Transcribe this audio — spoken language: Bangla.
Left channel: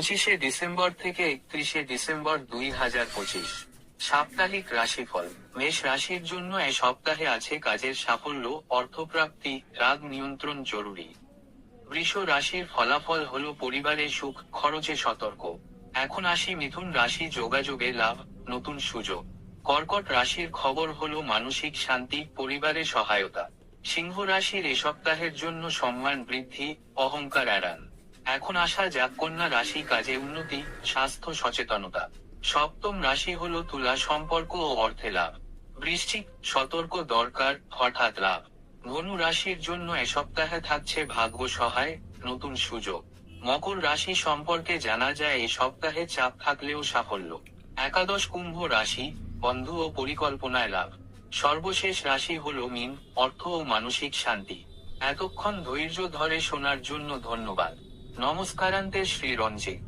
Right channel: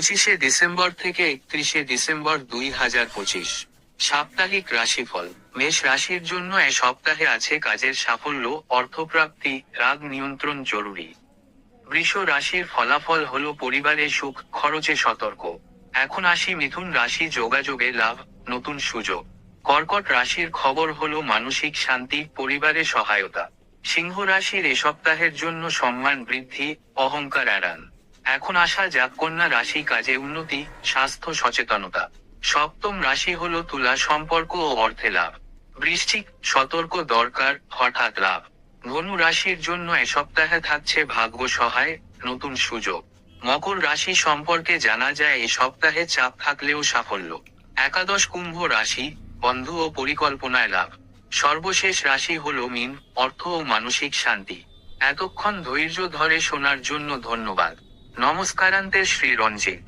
25 ডিসেম্বর থেকে 31 ডিসেম্বর 2025। সাপ্তাহিক রাশিফল। মেষ রাশির জন্য এ সপ্তাহে আছে কাজের সাফল্য, অর্থপ্রাপ্তি, রাগ নিয়ন্ত্রণ জরুরি। বৃষ রাশির ফলাফল হলো পরিবারে সুখ, খরচে সতর্ক। এখন আসি মিথুন রাশি, যোগাযোগে লাভ, নতুন সুযোগ। কর্কট রাশির খবর হলো মানসিক শান্তি, পরিবারে সহায়তা। সিংহ রাশির এ সপ্তাহের জন্য সম্মান বৃদ্ধি, অহংকার এড়ান। এখন আসা যাক কন্যা রাশি, কাজে উন্নতি, স্বাস্থ্য সচেতনতা। সপ্তম রাশি হলো তুলা, সম্পর্ক ও অর্থে লাভ। বৃশ্চিক, সতর্ক দরকার, হঠাৎ লাভ। ধনু রাশির জন্য এ সপ্তাহে থাকছে ভাগ্য সহায়, নতুন সুযোগ। মকর রাশি সম্পর্কে জানা যায় এ সপ্তাহে চাপ থাকলেও সাফল্য। একাদশ কুম্ভ রাশি, বন্ধু ও পরিকল্পনায় লাভ। সর্বশেষ রাশি হলো মীন, অর্থ ও মানসিক শান্তি। এতক্ষণ ধৈর্য ধরে শোনার জন্য ধন্যবাদ। নমস্কারান্তে শ্রী রঞ্জিত।